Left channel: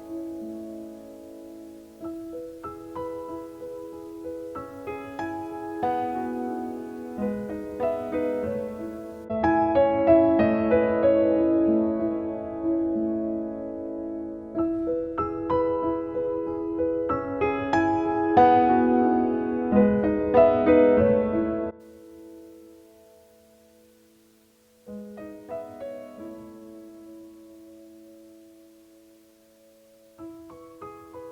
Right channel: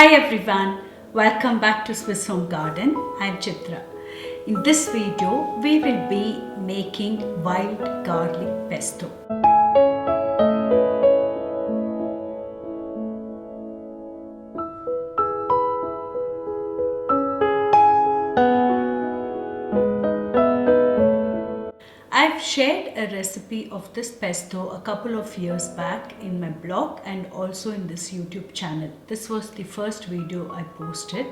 Hi everyone, welcome back to Swiss Home Garden. I'm Chitra. In this video, we will be making wild garlic pesto. I've shared a recipe of this pesto a couple of years back in my blog and also in this YouTube channel. This was the first video I posted.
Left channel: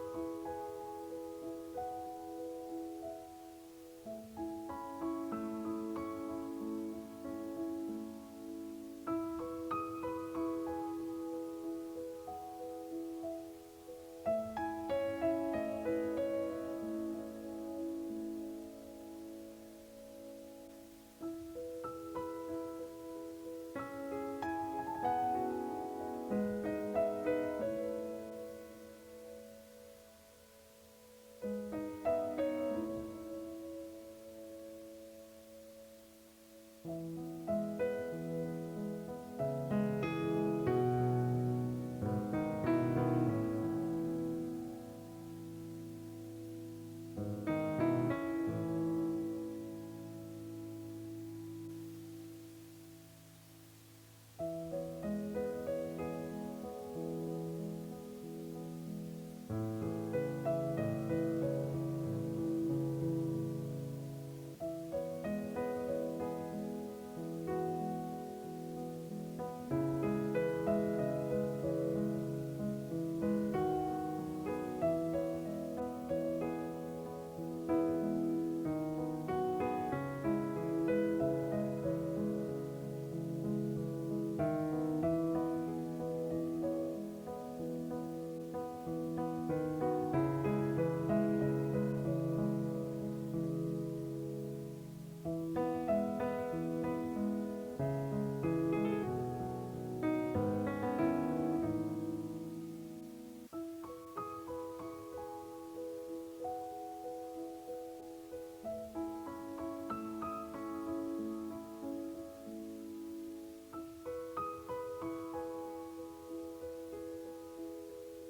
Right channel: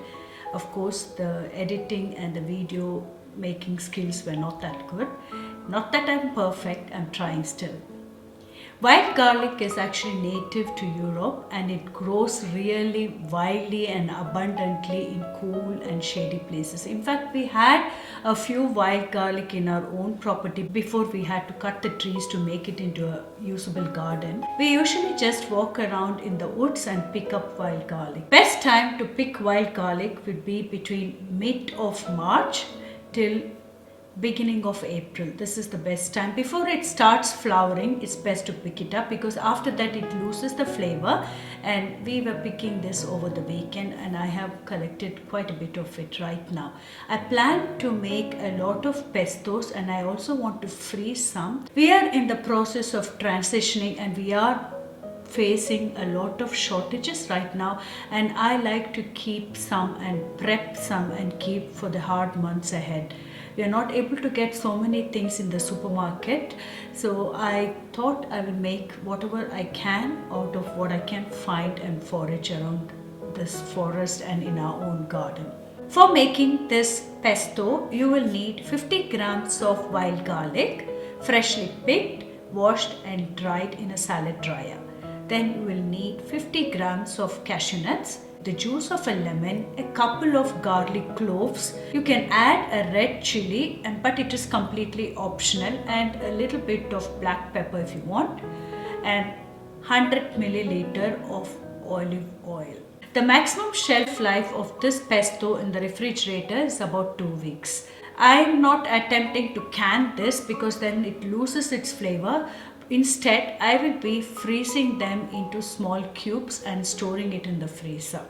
Of course, the editing and the video making skills were not that good. Not that I'm perfect, I'm trying still. Wild garlic is actually native to Europe and it grows really wildly and abundantly in cool and shady places. In fact, we had a few wild garlic in our own property before we had to cut the trees to make it into a usable garden. We usually just walk around in the woods and pick up wild garlic. Best time to pick wild garlic would be between mid of March till beginning of April. This is the best time. Before it starts flowering, it's best to pick it up because after that it loses the flavor, and we were picking this over the weekend and I have collected quite a bit of it right now. I plan to make a lot of pestos and I also want to freeze some. We are in the process of transitioning and we are facing a lot of shortages right now, and I like to keep some and prep some and keep for the hard months ahead. We are not able to get so many things in the supermarket, so I thought I will make whatever I can out of what I can find and forage around this forest and in our own garden. For making this pesto, you will need 50 grams of wild garlic, freshly picked, washed and dried in a salad dryer. Then you will need 50 grams of cashew nuts, the juice of a lemon, a couple of garlic cloves. You can add a red chili, but it is completely optional, and a little bit of black pepper if you want, and 100 milliliter of olive oil. The maximum shelf life of this pesto in the refrigerator is about 2 weeks. I am not attempting to can this because then it loses its flavor. Instead, I will be freezing them into small cubes and storing it in the freezer.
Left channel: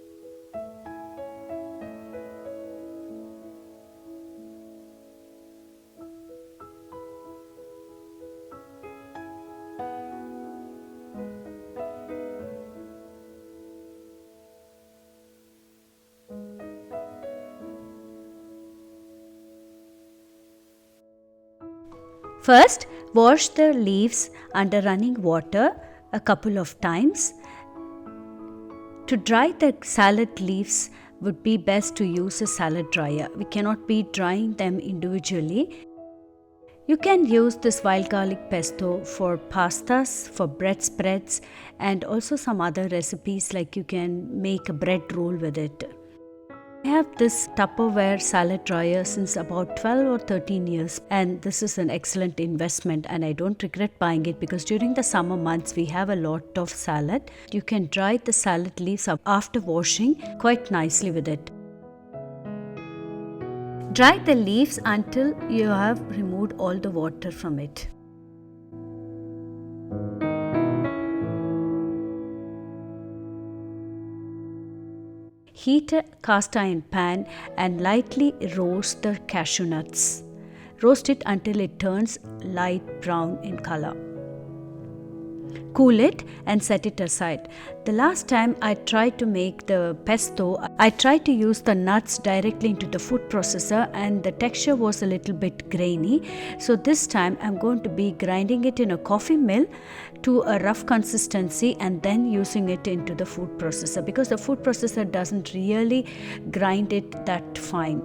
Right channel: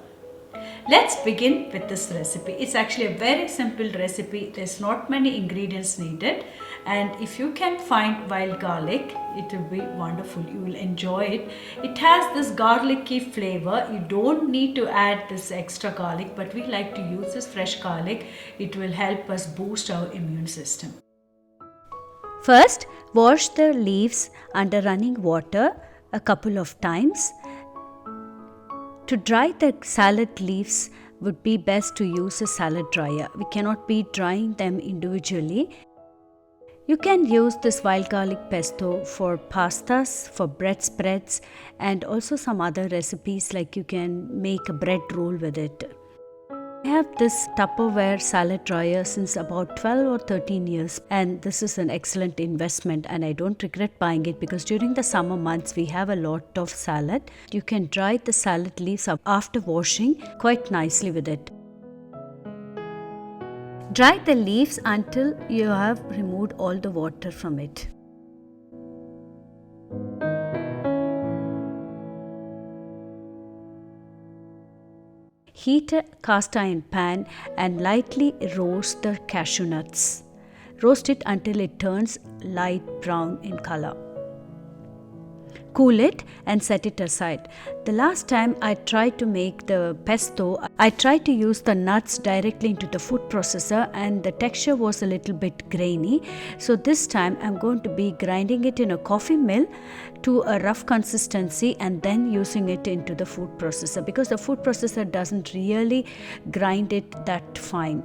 Let's begin with this recipe. It's actually a very simple recipe. There's not many ingredients needed, and if you can find wild garlic, it will be wonderful. You will enjoy it. It has this garlicky flavor. You don't need to add this extra garlic, but we like to use this fresh garlic. It will help us boost our immune system. First, wash the leaves under running water a couple of times. To dry the salad leaves would be best to use a salad dryer. We cannot be drying them individually. You can use this wild garlic pesto for pastas, for bread spreads, and also some other recipes, like you can make a bread roll with it. I have this Tupperware salad dryer since about 12 or 13 years, and this is an excellent investment and I don't regret buying it because during the summer months we have a lot of salad. You can dry the salad leaves up after washing quite nicely with it. Dry the leaves until you have removed all the water from it. Heat a cast iron pan and lightly roast the cashew nuts. Roast it until it turns light brown in color. Cool it and set it aside. The last time I tried to make the pesto, I tried to use the nuts directly into the food processor and the texture was a little bit grainy. So this time I'm going to be grinding it in a coffee mill to a rough consistency and then using it into the food processor, because the food processor doesn't really grind it that fine.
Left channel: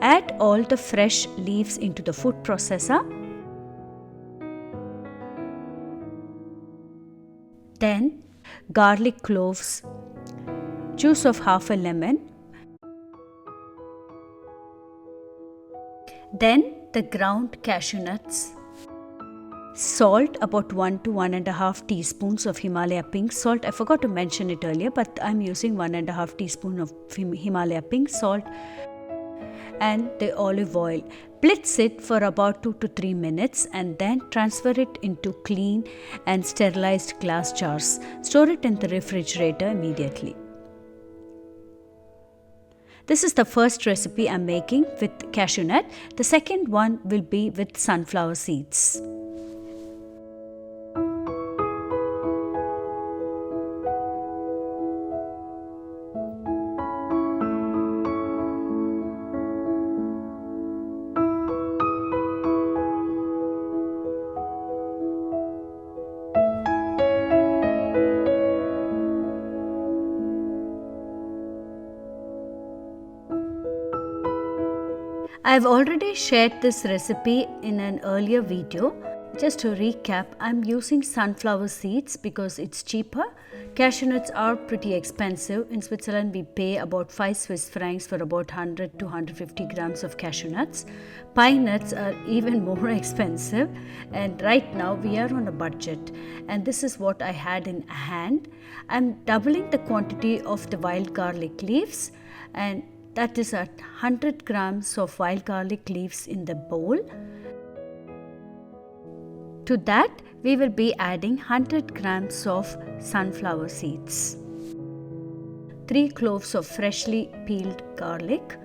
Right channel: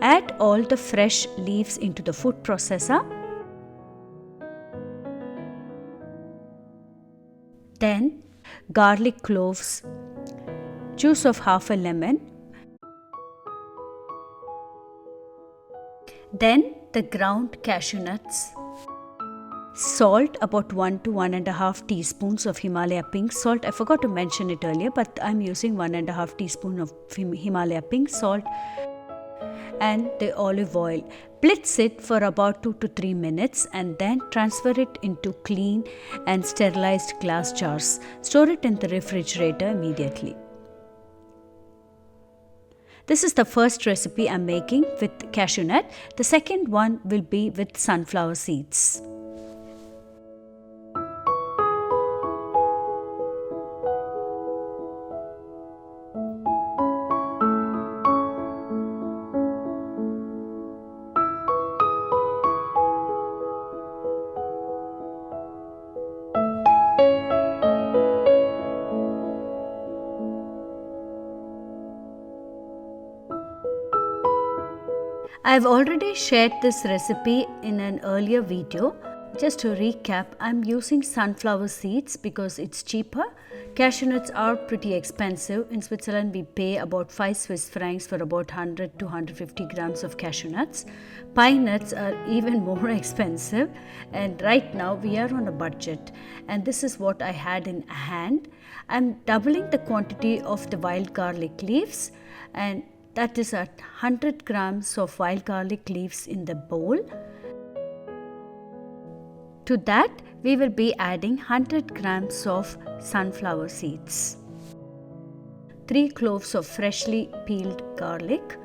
Add all the fresh leaves into the food processor. Then garlic cloves, juice of half a lemon. Then the ground cashew nuts. Salt, about 1 to 1.5 teaspoons of Himalaya pink salt. I forgot to mention it earlier, but I'm using 1.5 teaspoon of Himalaya pink salt. and the olive oil. Blitz it for about 2 to 3 minutes and then transfer it into clean and sterilized glass jars. Store it in the refrigerator immediately. This is the first recipe I'm making with cashew nut. The second one will be with sunflower seeds. I've already shared this recipe in an earlier video. Just to recap, I'm using sunflower seeds because it's cheaper. Cashew nuts are pretty expensive. In Switzerland, we pay about 5 Swiss francs for about 100 to 150 grams of cashew nuts. Pine nuts are even more expensive, and right now we are on a budget. And this is what I had in hand. I'm doubling the quantity of the wild garlic leaves, and that is at 100 grams of wild garlic leaves in the bowl. To that, we will be adding 100 grams of sunflower seeds, 3 cloves of freshly peeled garlic,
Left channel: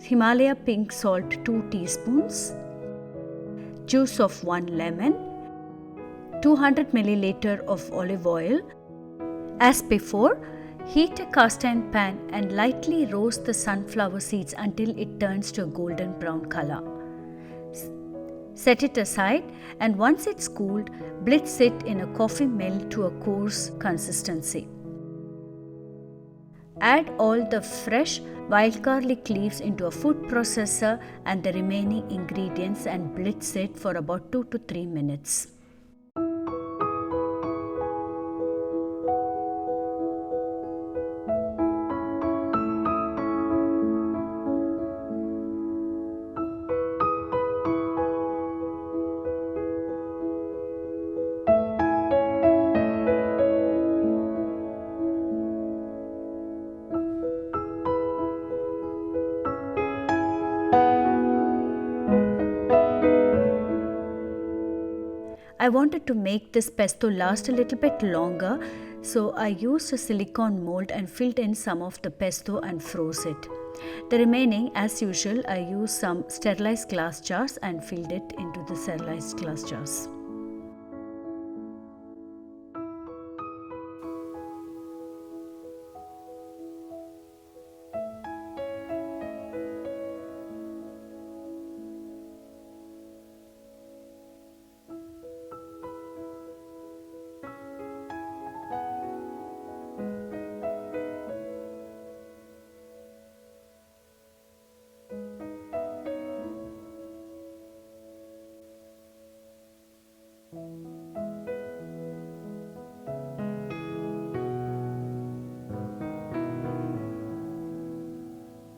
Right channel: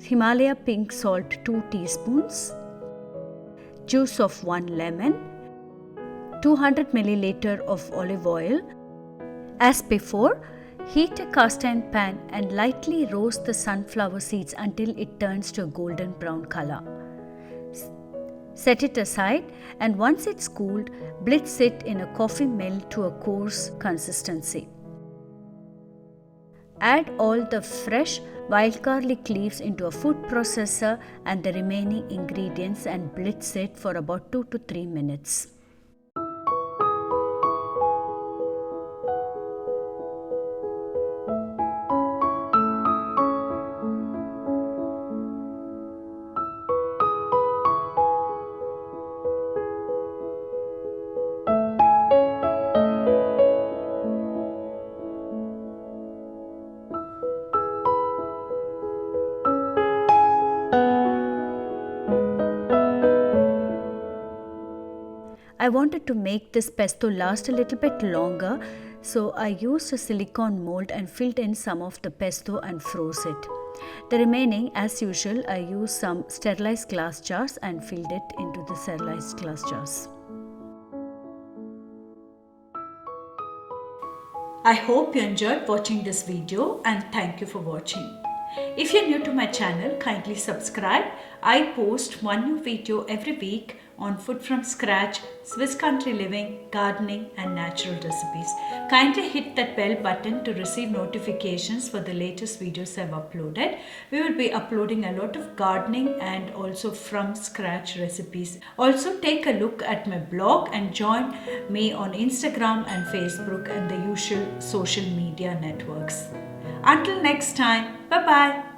Himalaya pink salt 2 teaspoons, juice of 1 lemon, 200 milliliter of olive oil. As before, heat a cast iron pan and lightly roast the sunflower seeds until it turns to a golden brown color. Set it aside, and once it's cooled, blitz it in a coffee mill to a coarse consistency. Add all the fresh wild garlic leaves into a food processor and the remaining ingredients and blitz it for about 2 to 3 minutes. I wanted to make this pesto last a little bit longer, so I used a silicone mold and filled in some of the pesto and froze it. The remaining, as usual, I used some sterilized glass jars and filled it into the sterilized glass jars. I hope you enjoyed watching this video, and thank you for watching. If you're new to my channel, kindly subscribe. I post one new video every week on food from scratch, Swiss country living, gardening and natural recipes. Kindly hit that bell button to receive notifications for the latest videos I've uploaded. We will be uploading a lot of gardening and also from scratch recipes. Also take a look at my blog and join me on Instagram and Facebook and the usual social media networks. Until next time, bye bye.